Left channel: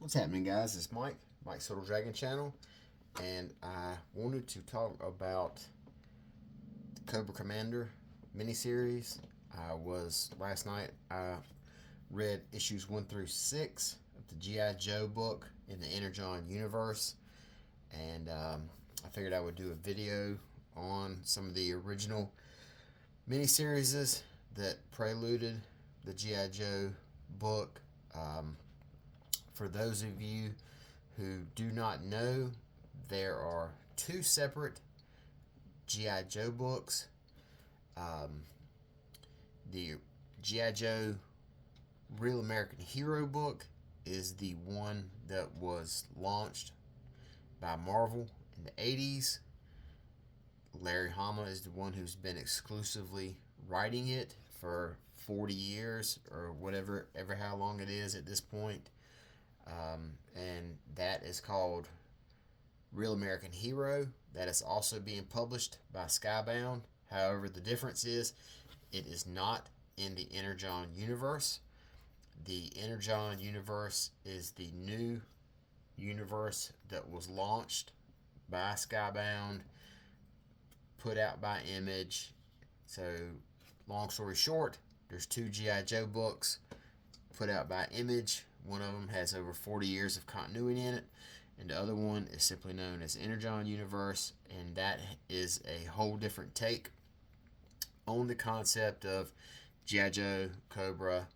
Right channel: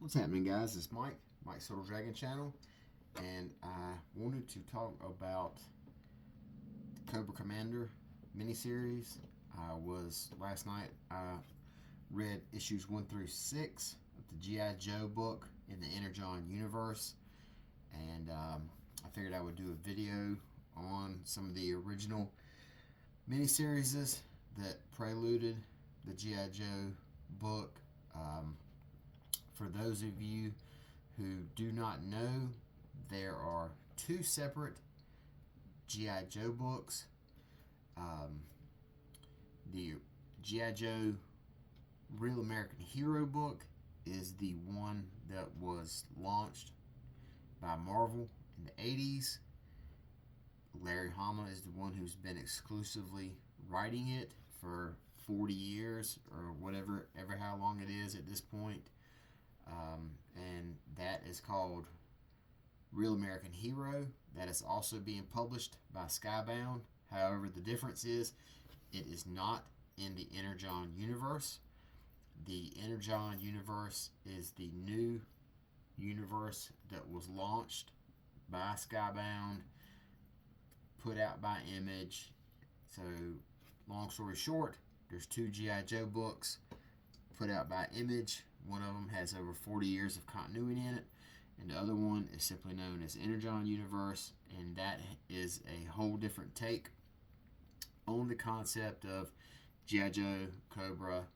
What's happening, guys? It's Mike's Little Dragon Channel, and I wanted to talk about the Cobra Commander miniseries. Last night I read issues 1 through 6 of the G.I. Joe book in the Energon universe, and I figured I would do a video on some of the original miniseries that preluded the G.I. Joe book. For those of you who do not know, there are two separate G.I. Joe books. The G.I. Joe Real American Hero book is the one that was launched by Marvel in the 80s. Larry Hama is the one who's been exclusively writing it for 40 years or whatever, ever how long it is at this point. And that is called Real American Hero. That is also being published by Skybound. However, the difference is it is not in the Energon universe. The Energon universe is the new universe that was launched by Skybound, put out by Image. So, long story short, there's two G.I. Joe books put out by Image. One of them has over 40 years of continuity in it, and the other one is simply known as Energon Universe, and that is a whole different take on the concept of G.I. Joe, Cobra,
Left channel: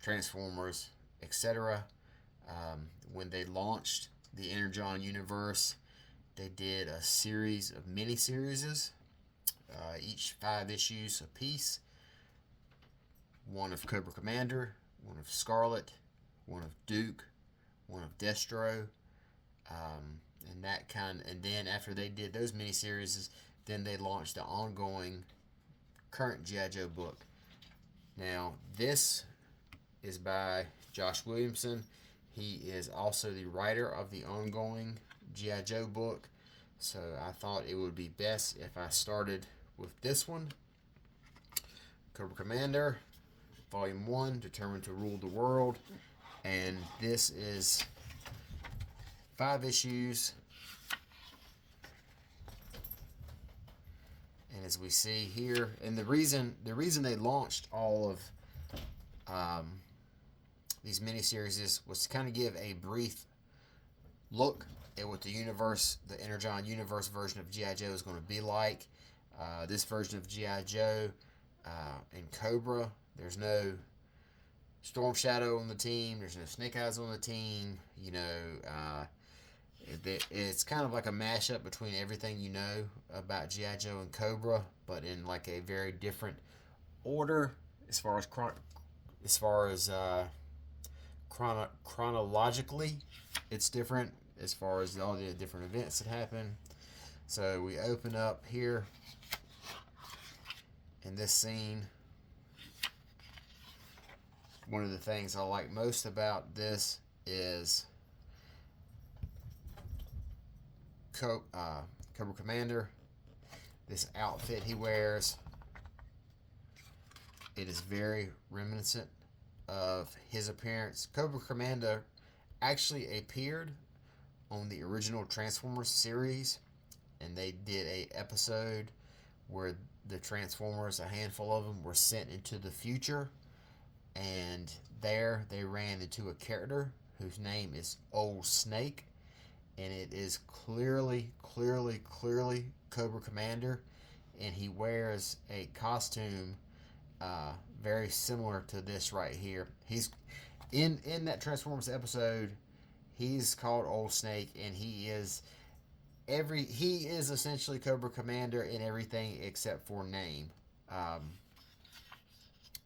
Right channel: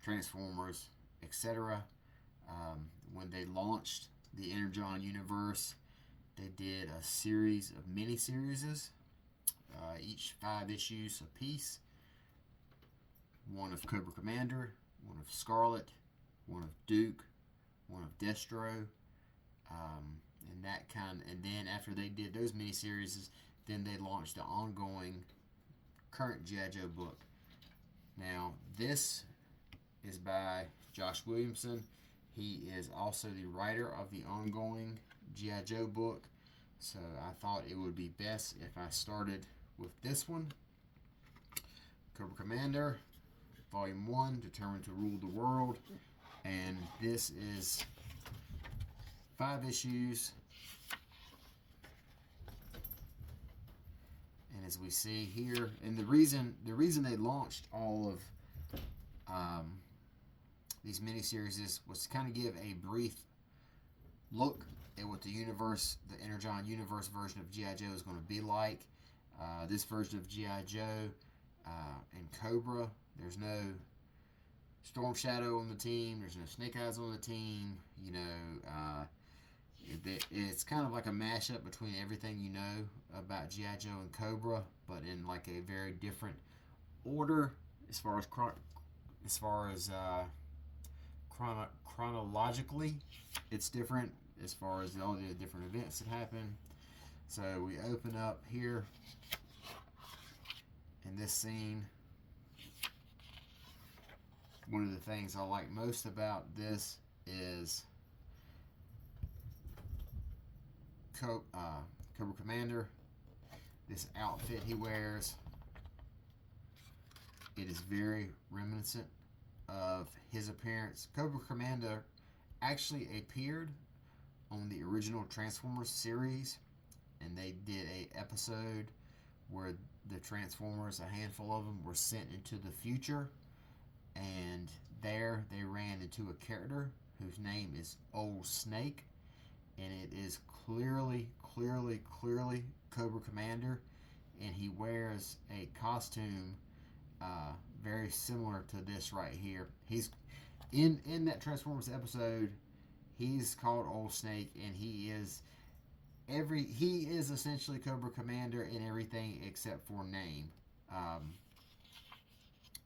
Transformers, etc. When they launched the Energon Universe, they did a series of mini-series, each 5 issues apiece. One of Cobra Commander, one of Scarlet, one of Duke, one of Destro, and then after they did those miniseries, then they launched the ongoing current G.I. Joe book. Now, this is by Josh Williamson. He is also the writer of the ongoing G.I. Joe book, so I thought it would be best if I started with this one. Cobra Commander, Volume 1, Determined to Rule the World. And this is 5 issues. And as we see here, and the reason they launched all of these miniseries was to kind of give a brief look at what the Energon universe version of G.I. Joe is going to be like. This version of G.I. Joe and Cobra, there's no Storm Shadow on the team. There's no Snake Eyes on the team. It's kind of like a mashup between everything you know about G.I. Joe and Cobra, but in like a very different order as far as chronologically. It's different as far as all the different events that happen. So we open up here in this scene. One of the things I like most about this is Cobra Commander. This outfit he wears, it is very reminiscent of his appearance. Cobra Commander actually appeared on the original Transformers series, and they did a episode where the Transformers, a handful of them, were sent into the future. And there they ran into a character whose name is Old Snake. And it is clearly Cobra Commander. And he wears a costume very similar to this right here. He's in that Transformers episode, he's called Old Snake, and he is essentially Cobra Commander in everything except for name.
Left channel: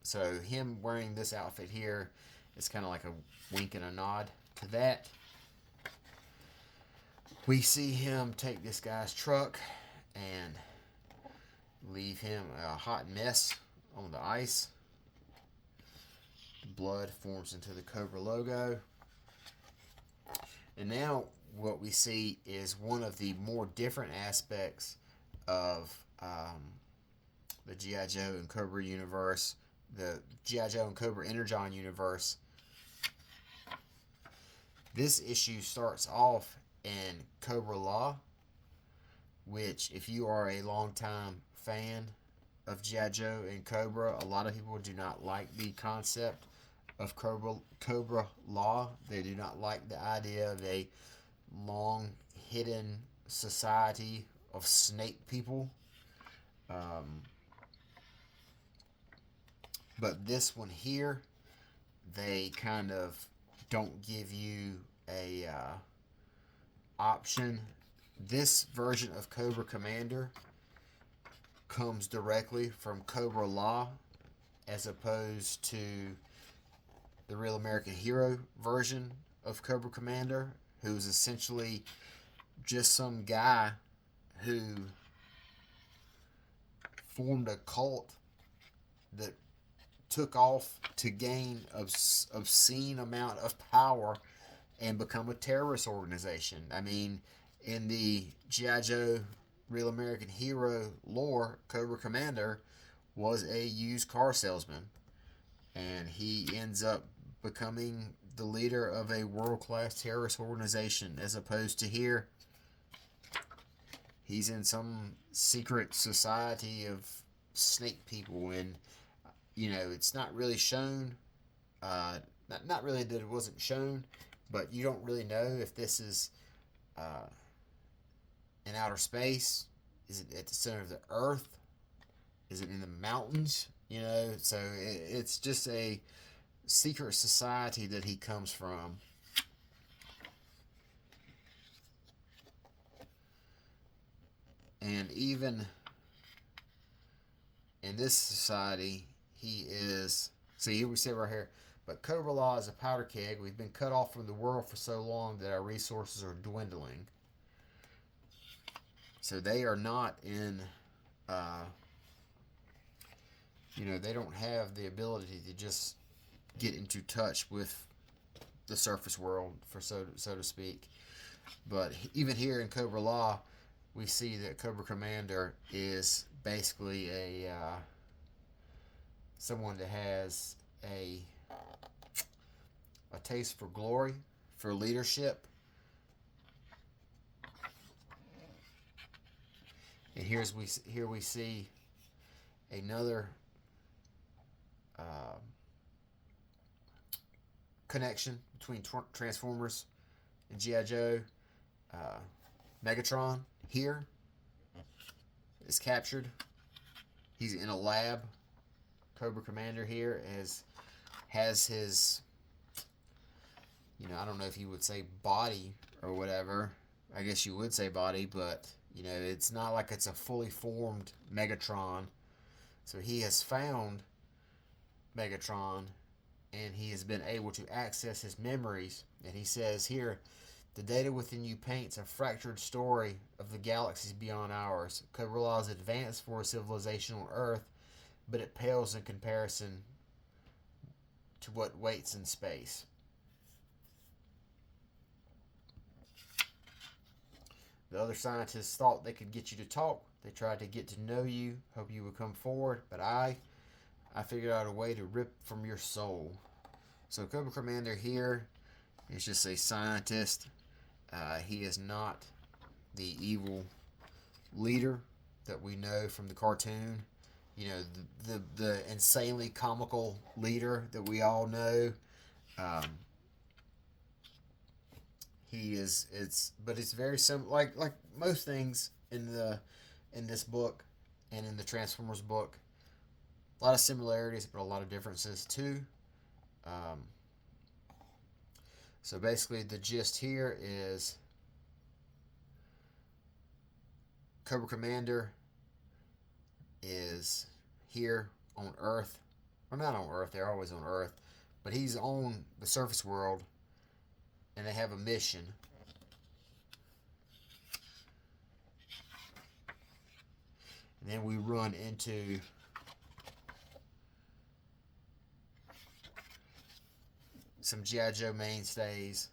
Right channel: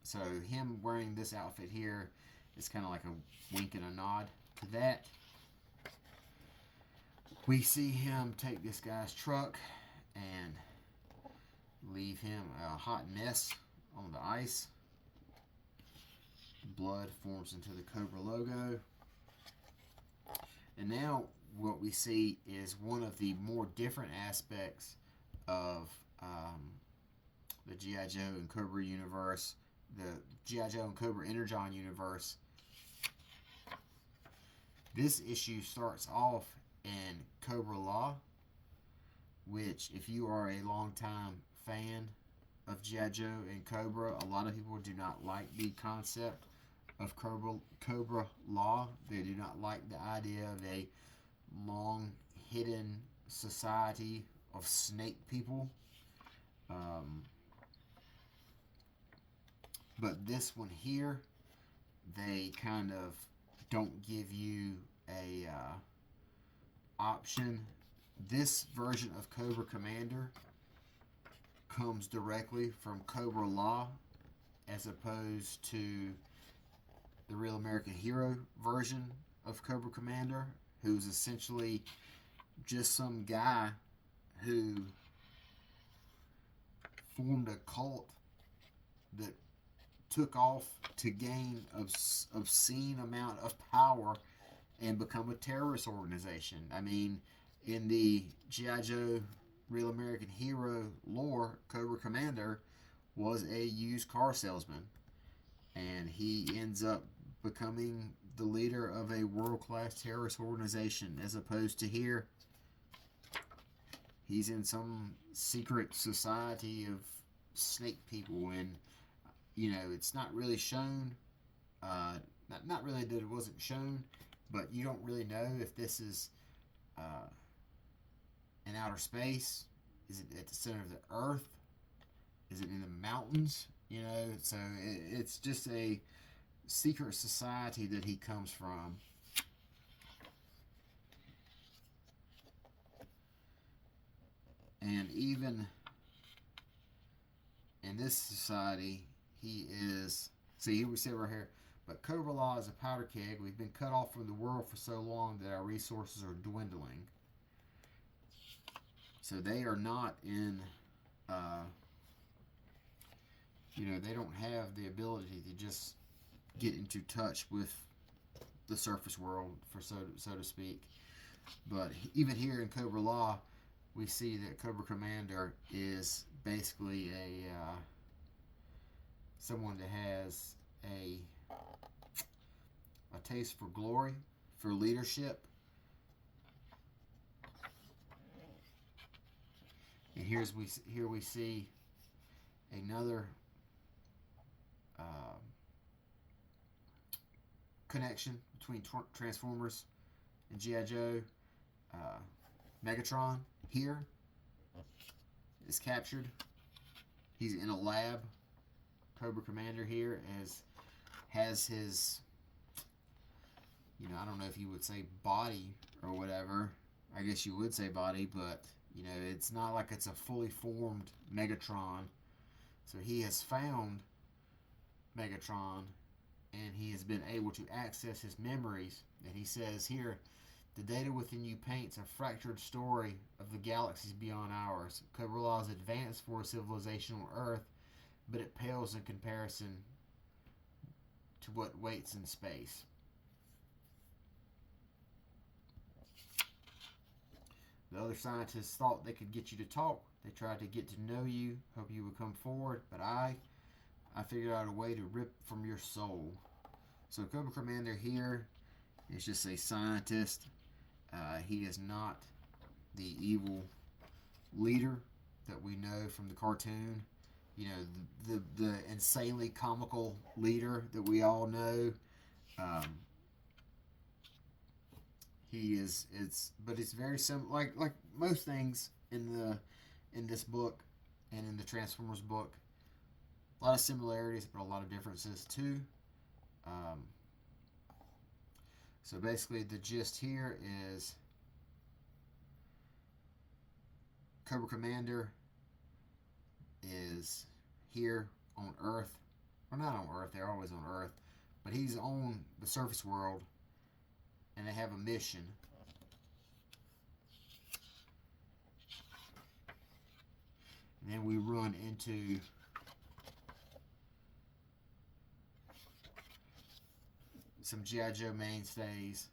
So him wearing this outfit here is kind of like a wink and a nod to that. We see him take this guy's truck and leave him a hot mess on the ice. Blood forms into the Cobra logo. And now what we see is one of the more different aspects of the G.I. Joe and Cobra universe, the G.I. Joe and Cobra Energon universe. This issue starts off in Cobra Law, which, if you are a longtime fan of G.I. Joe and Cobra, a lot of people do not like the concept of Cobra Law. They do not like the idea of a long hidden society of snake people. Um, but this one here, they kind of don't give you a option. This version of Cobra Commander comes directly from Cobra Law, as opposed to the Real American Hero version of Cobra Commander, who's essentially just some guy who formed a cult that took off to gain obscene amount of power and become a terrorist organization. I mean, in the G.I. Joe Real American Hero lore, Cobra Commander was a used car salesman, and he ends up becoming the leader of a world-class terrorist organization, as opposed to here, he's in some secret society of snake people, and it's not really shown. Not really that it wasn't shown, but you don't really know if this is in outer space. Is it at the center of the earth? Is it in the mountains? So it's just a secret society that he comes from. And even in this society, he is. See, here we say right here, but Cobra Law is a powder keg. We've been cut off from the world for so long that our resources are dwindling. So they are not in, they don't have the ability to just get into touch with the surface world, for so to speak. But even here in Cobra Law, we see that Cobra Commander is basically someone that has a taste for glory, for leadership. And here we see another connection between Transformers and G.I. Joe. Megatron here is captured. He's in a lab. Cobra Commander here has his, I don't know if you would say body or whatever. I guess you would say body, but it's not like it's a fully formed Megatron. So he has found Megatron, and he has been able to access his memories. And he says here, the data within you paints a fractured story of the galaxies beyond ours. Cobra Law is advanced for a civilization on Earth, but it pales in comparison to what waits in space. The other scientists thought they could get you to talk. They tried to get to know you, hope you would come forward, but I figured out a way to rip from your soul. So Cobra Commander here is just a scientist. He is not the evil leader that we know from the cartoon. The insanely comical leader that we all know. But it's very simple. Like most things in this book and in the Transformers book, a lot of similarities, but a lot of differences too. So basically, the gist here is Cobra Commander is here on Earth. Well, not on Earth, they're always on Earth, but he's on the surface world, and they have a mission. And then we run into some G.I. Joe mainstays,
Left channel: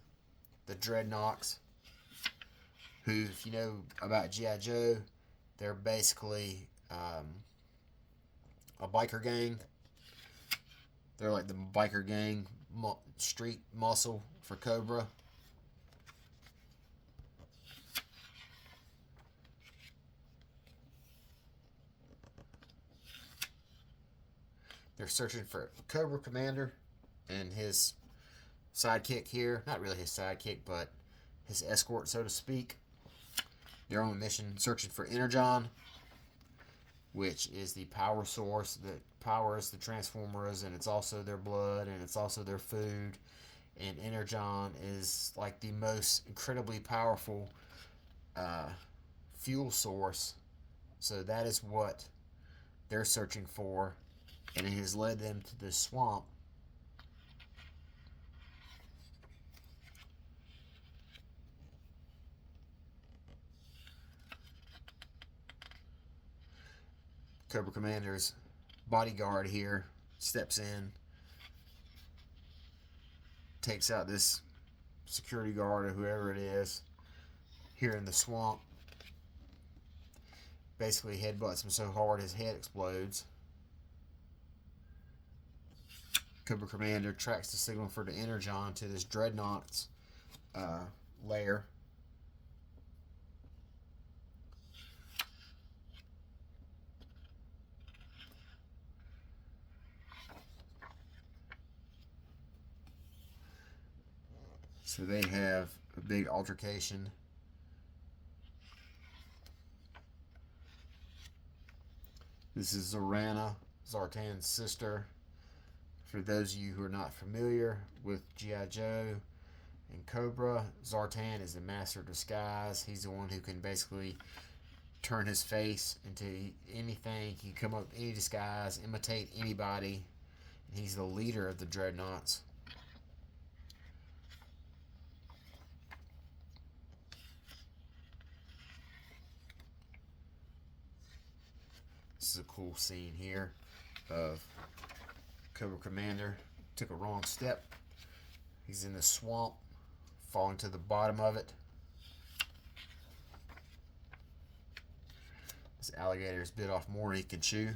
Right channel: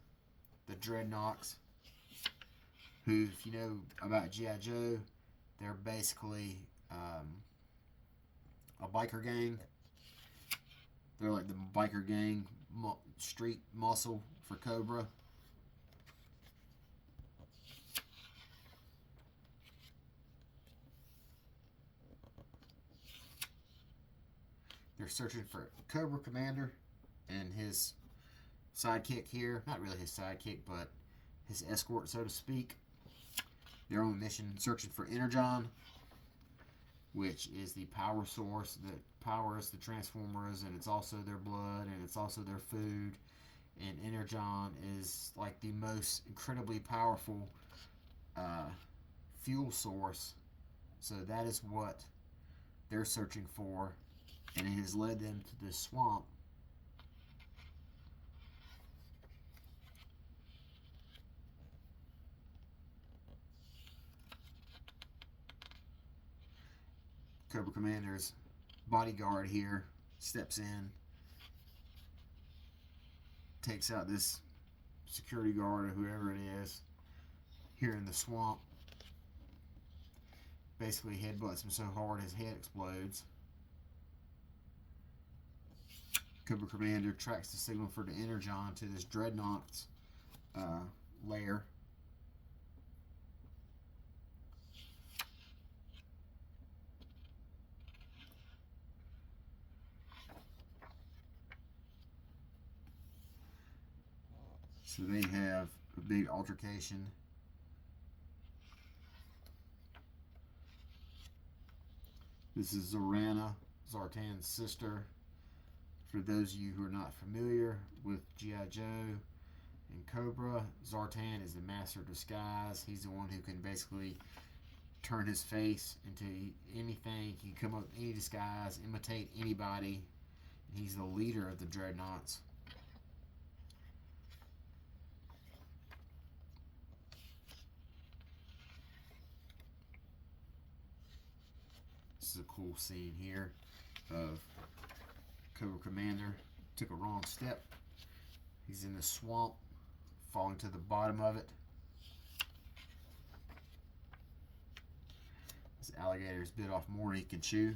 the Dreadnoks, who, if you know about G.I. Joe, they're basically a biker gang. They're like the biker gang street muscle for Cobra. They're searching for Cobra Commander and his sidekick here. Not really his sidekick, but his escort, so to speak. They're on a mission searching for Energon, which is the power source that powers the Transformers, and it's also their blood, and it's also their food. And Energon is like the most incredibly powerful fuel source. So that is what they're searching for, and it has led them to this swamp. Cobra Commander's bodyguard here steps in, takes out this security guard or whoever it is here in the swamp. Basically headbutts him so hard his head explodes. Cobra Commander tracks the signal for the Energon to this Dreadnought's lair. So they have a big altercation. This is Zorana, Zartan's sister. For those of you who are not familiar with G.I. Joe and Cobra, Zartan is the master of disguise. He's the one who can basically turn his face into anything. He can come up with any disguise, imitate anybody. And he's the leader of the Dreadnoughts. This is a cool scene here of Cobra Commander. Took a wrong step. He's in the swamp, falling to the bottom of it. This alligator's bit off more than he can chew.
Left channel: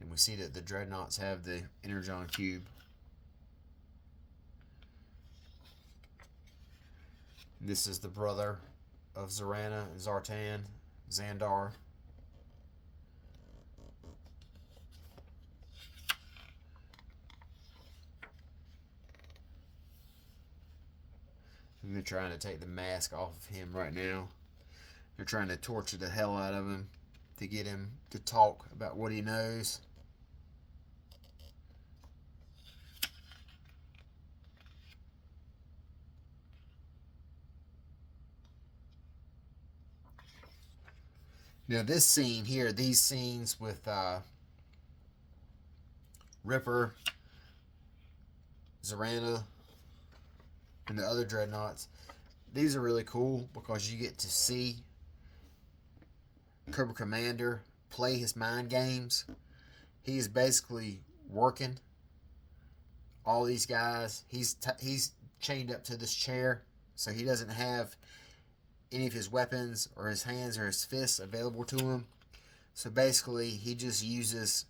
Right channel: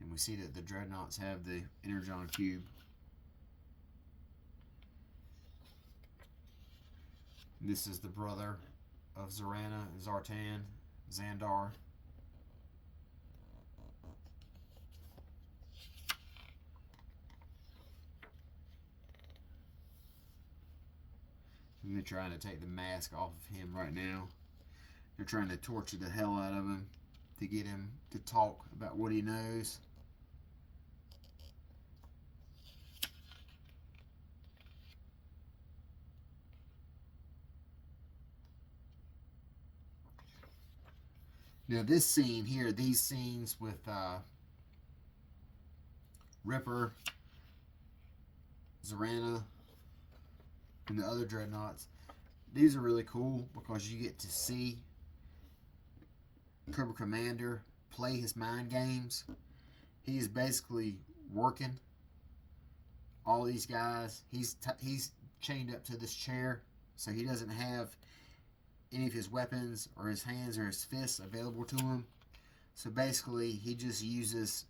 And we see that the Dreadnoughts have the Energon Cube. This is the brother of Zorana and Zartan, Xandar. And they're trying to take the mask off of him right now. They're trying to torture the hell out of him to get him to talk about what he knows. Now this scene here, these scenes with Ripper, Zorana, and the other Dreadnoughts, these are really cool because you get to see Cobra Commander play his mind games. He is basically working all these guys. He's chained up to this chair, so he doesn't have any of his weapons or his hands or his fists available to him. So basically he just uses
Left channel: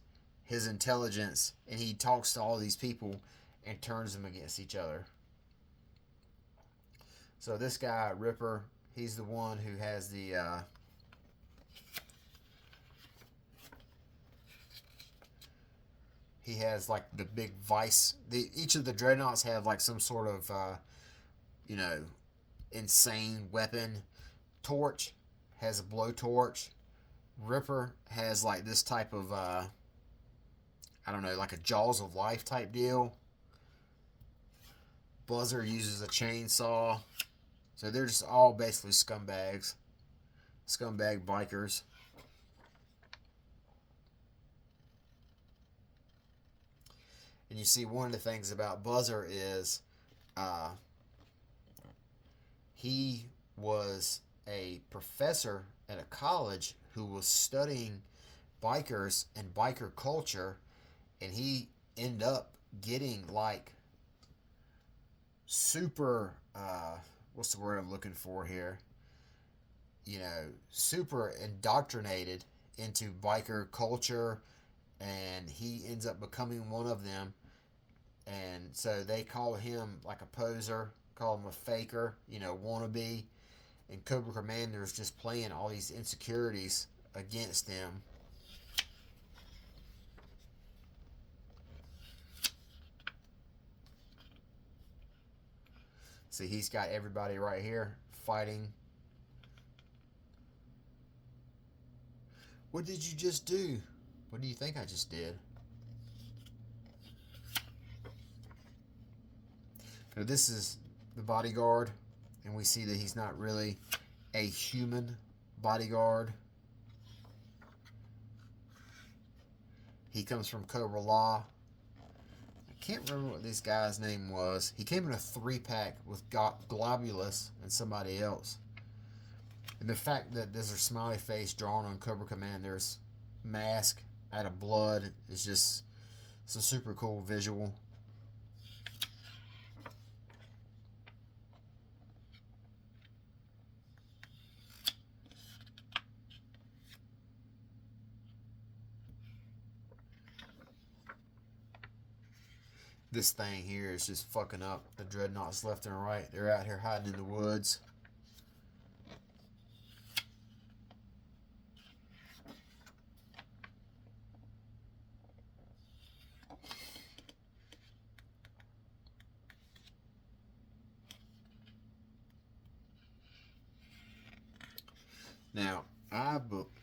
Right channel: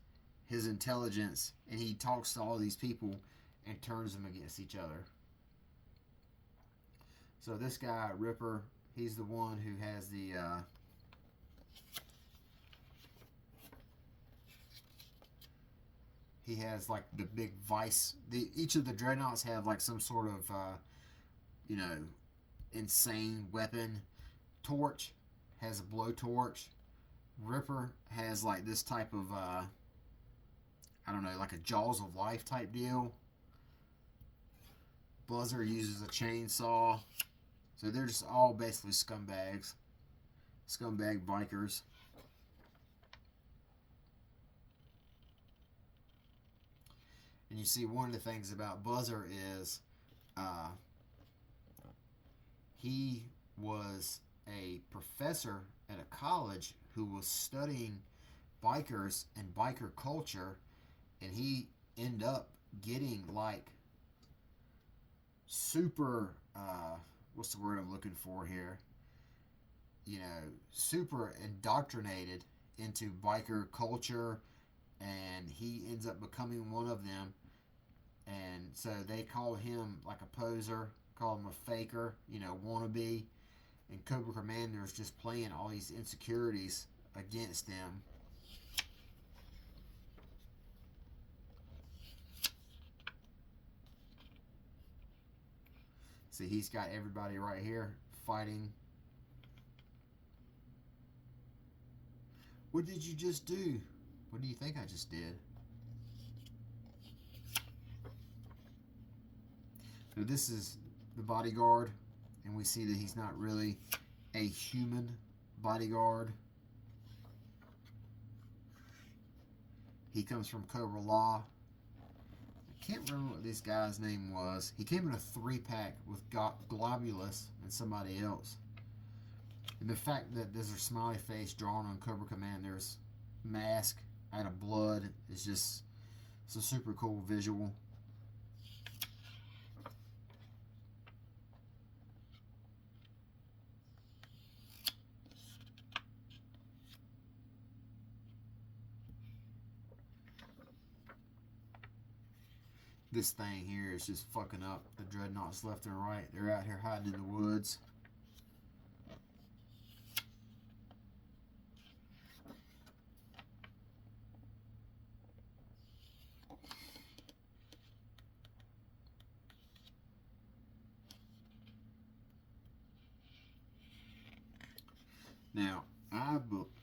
his intelligence and he talks to all these people and turns them against each other. So this guy, Ripper, he's the one who has the he has like the big vice. Each of the Dreadnoughts have like some sort of you know, insane weapon. Torch has a blowtorch. Ripper has like this type of I don't know, like a Jaws of Life type deal. Buzzer uses a chainsaw. So they're just all basically scumbags. Scumbag bikers. And you see one of the things about Buzzer is he was a professor at a college who was studying bikers and biker culture, and he ended up getting like super what's the word I'm looking for here, you know, super indoctrinated into biker culture, and he ends up becoming one of them. And so they call him like a poser, call him a faker, you know, wannabe. and Cobra Commander is just playing all these insecurities against them. See, he's got everybody right here fighting. What did you just do? What do you think I just did? Now this is the bodyguard, and we see that he's not really a human bodyguard. He comes from Cobra Law. I can't remember what this guy's name was. He came in a 3-pack with Globulus and somebody else. And the fact that there's a smiley face drawn on Cobra Commander's mask out of blood is just, it's a super cool visual. This thing here is just fucking up the dreadnoughts left and right. They're out here hiding in the woods.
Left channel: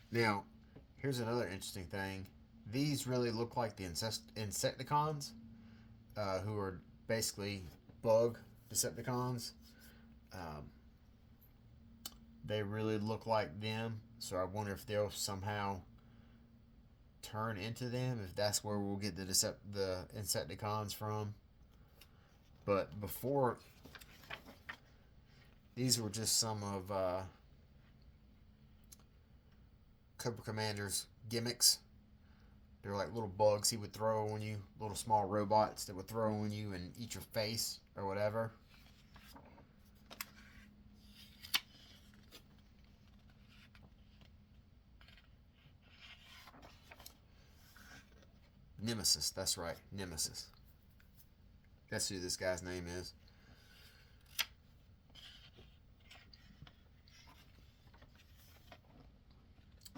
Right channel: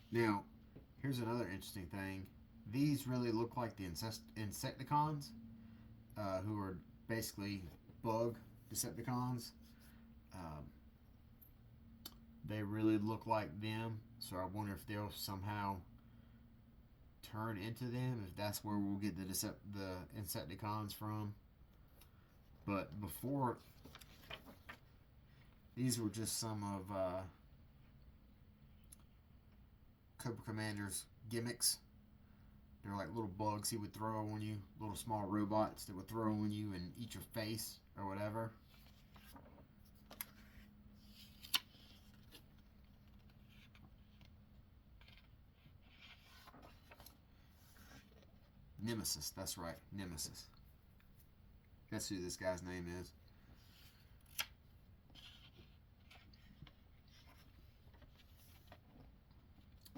Now, here's another interesting thing. These really look like the Insecticons, who are basically bug Decepticons. They really look like them, so I wonder if they'll somehow turn into them, if that's where we'll get the Insecticons from. But before, these were just some of Cobra Commander's gimmicks. They're like little bugs he would throw on you, little small robots that would throw on you and eat your face or whatever. Nemesis, that's right, Nemesis. That's who this guy's name is.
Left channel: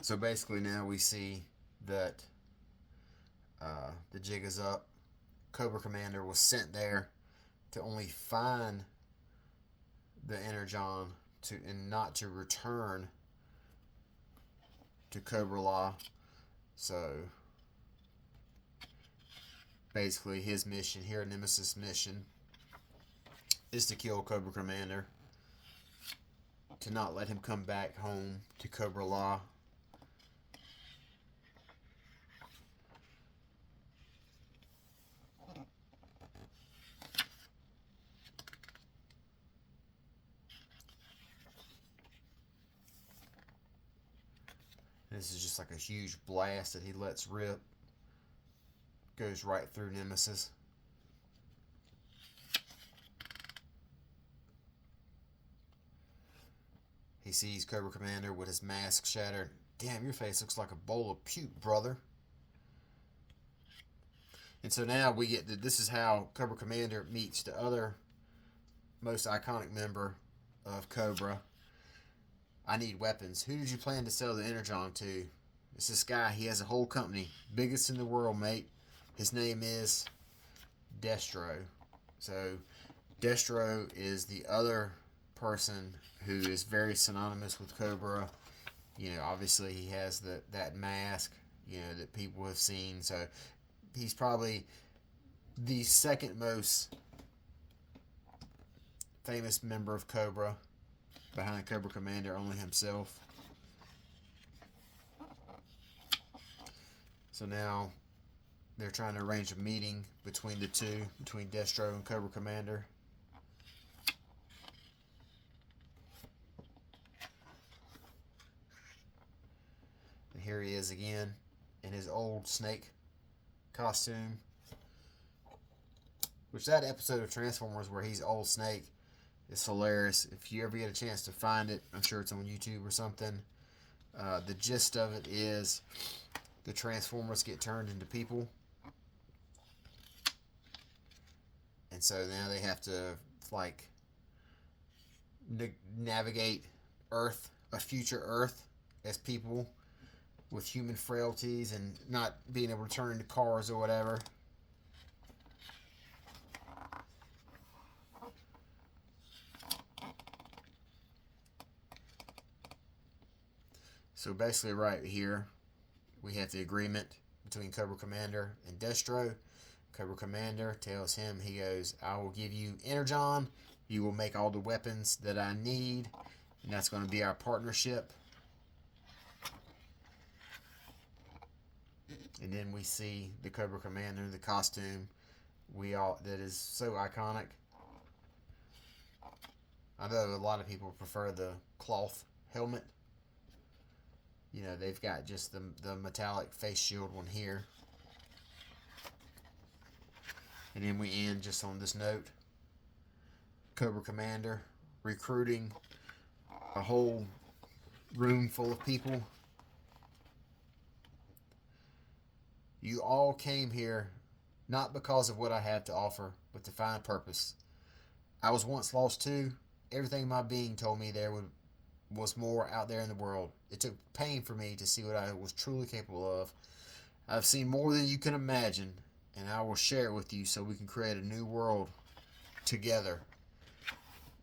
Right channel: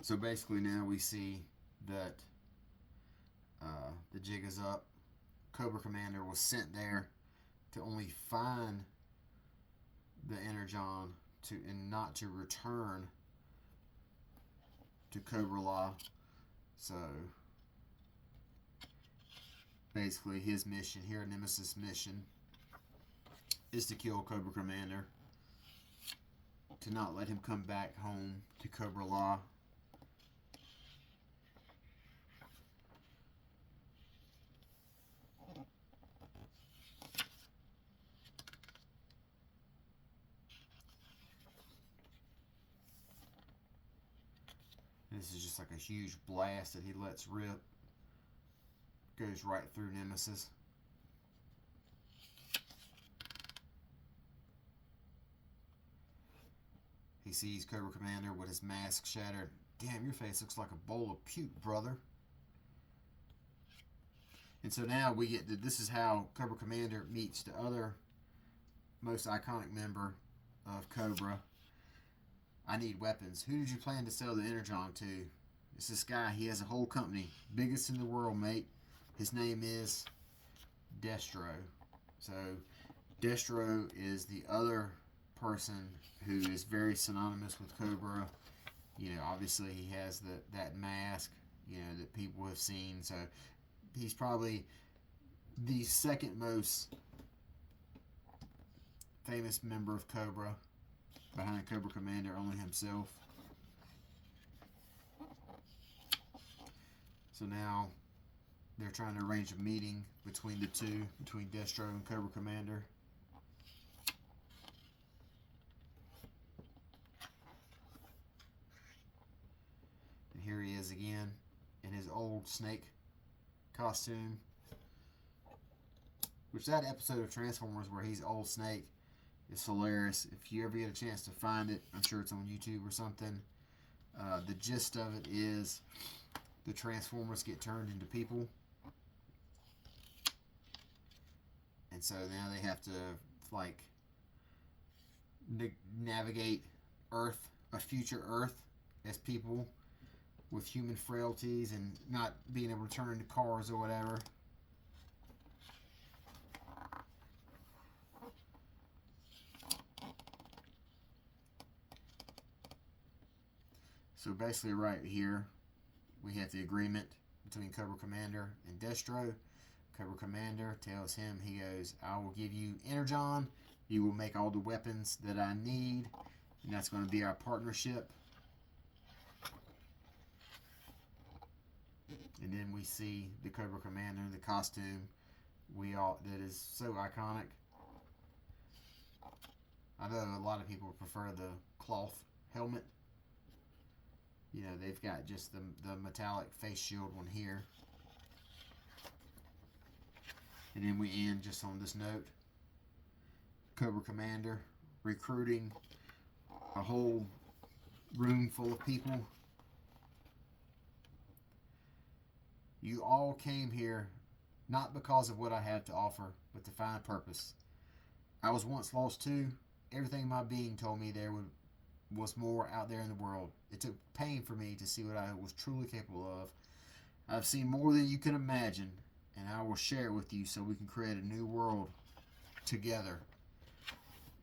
So basically now we see that the jig is up. Cobra Commander was sent there to only find the Energon and not to return to Cobra Law. So basically his mission here, Nemesis' mission, is to kill Cobra Commander, to not let him come back home to Cobra Law. This is just like a huge blast that he lets rip. Goes right through Nemesis. He sees Cobra Commander with his mask shattered. Damn, your face looks like a bowl of puke, brother. And so now we get to, this is how Cobra Commander meets the other most iconic member of Cobra. I need weapons. Who did you plan to sell the Energon to? It's this guy. He has a whole company. Biggest in the world, mate. His name is Destro. So Destro is the other person who is very synonymous with Cobra. You know, obviously he has that mask, you know, that people have seen. So he's probably the second most famous member of Cobra, behind Cobra Commander only himself. So now they're trying to arrange a meeting between the two, between Destro and Cobra Commander. And here he is again in his old snake costume. Which, that episode of Transformers where he's old Snake is hilarious. If you ever get a chance to find it, I'm sure it's on YouTube or something. The gist of it is the Transformers get turned into people. And so now they have to, like, navigate Earth, a future Earth, as people with human frailties and not being able to turn into cars or whatever. So basically right here, we have the agreement between Cobra Commander and Destro. Cobra Commander tells him, he goes, I will give you Energon. You will make all the weapons that I need. And that's going to be our partnership. And then we see the Cobra Commander, the costume that is so iconic. I know a lot of people prefer the cloth helmet. You know, they've got just the metallic face shield one here. And then we end just on this note. Cobra Commander recruiting a whole room full of people. You all came here not because of what I have to offer, but to find purpose. I was once lost too. Everything my being told me there was more out there in the world. It took pain for me to see what I was truly capable of. I've seen more than you can imagine, and I will share it with you so we can create a new world together.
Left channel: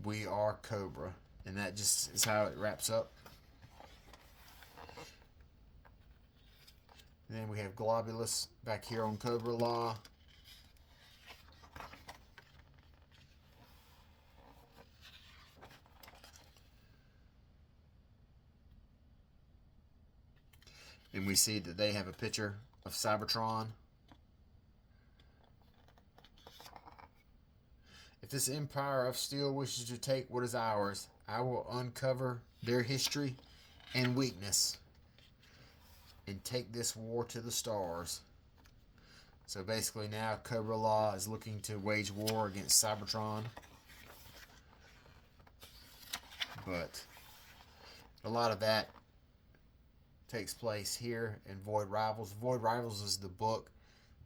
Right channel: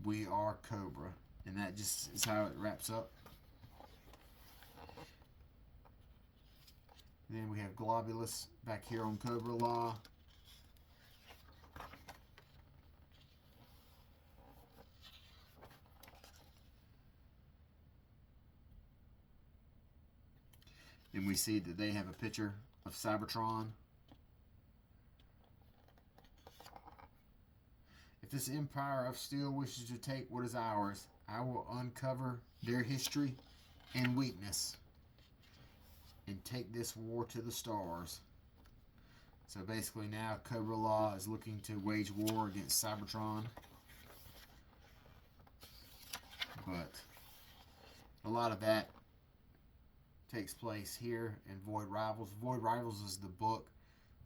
We are Cobra. And that just is how it wraps up. And then we have Globulus back here on Cobra Law. And we see that they have a picture of Cybertron. If this Empire of Steel wishes to take what is ours, I will uncover their history and weakness and take this war to the stars. So basically now Cobra Law is looking to wage war against Cybertron. But a lot of that takes place here in Void Rivals. Void Rivals is the book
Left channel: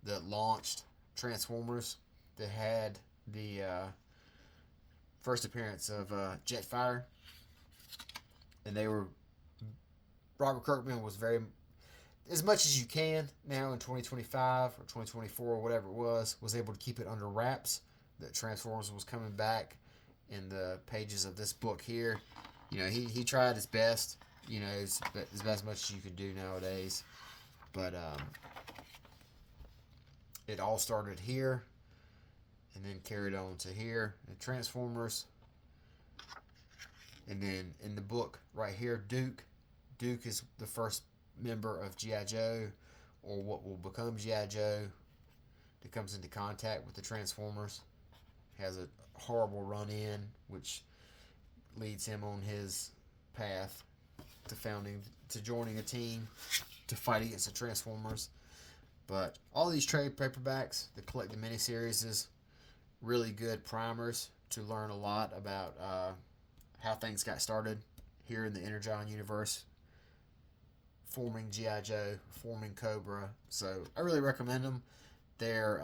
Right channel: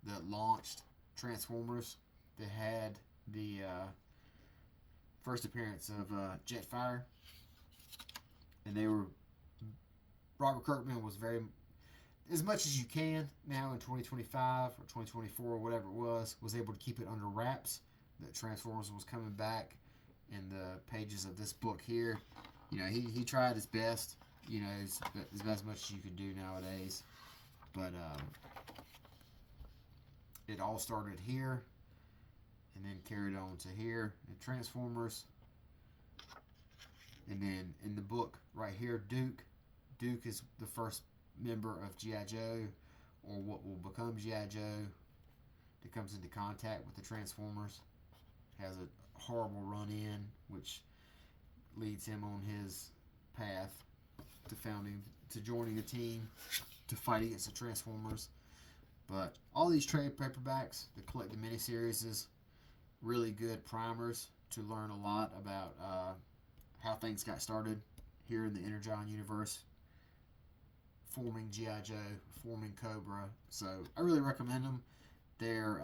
that launched Transformers, that had the first appearance of Jetfire. And Robert Kirkman was very, as much as you can now in 2025 or 2024 or whatever it was able to keep it under wraps that Transformers was coming back in the pages of this book here. You know, he tried his best. You know, it's as much as you could do nowadays. But it all started here and then carried on to here in Transformers. And then in the book right here, Duke is the first member of G.I. Joe, or what will become G.I. Joe, that comes into contact with the Transformers. Has a horrible run-in, which leads him on his path to joining a team to fight against the Transformers. But all these trade paperbacks, the collected miniseries, is really good primers to learn a lot about how things got started here in the Energon universe, forming G.I. Joe, forming Cobra. So I really recommend them. They're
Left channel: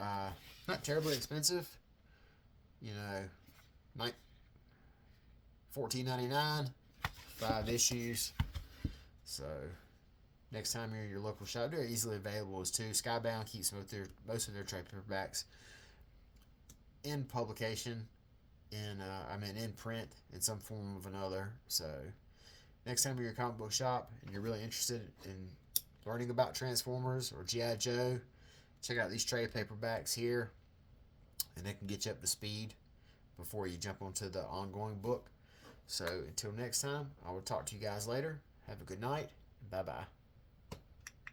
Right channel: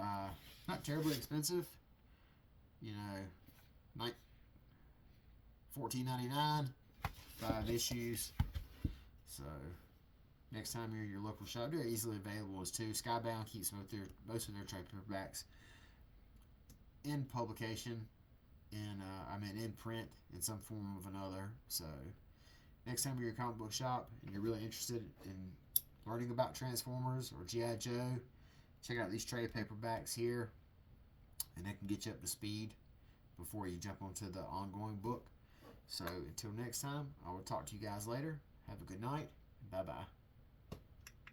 not terribly expensive. You know, $14.99, 5 issues. So next time you're in your local shop, they're easily available as too. Skybound keeps most of their trade paperbacks in publication, in print in some form of another. So next time you're in your comic book shop and you're really interested in learning about Transformers or G.I. Joe, check out these trade paperbacks here, and they can get you up to speed before you jump onto the ongoing book. So until next time, I will talk to you guys later. Have a good night. Bye-bye.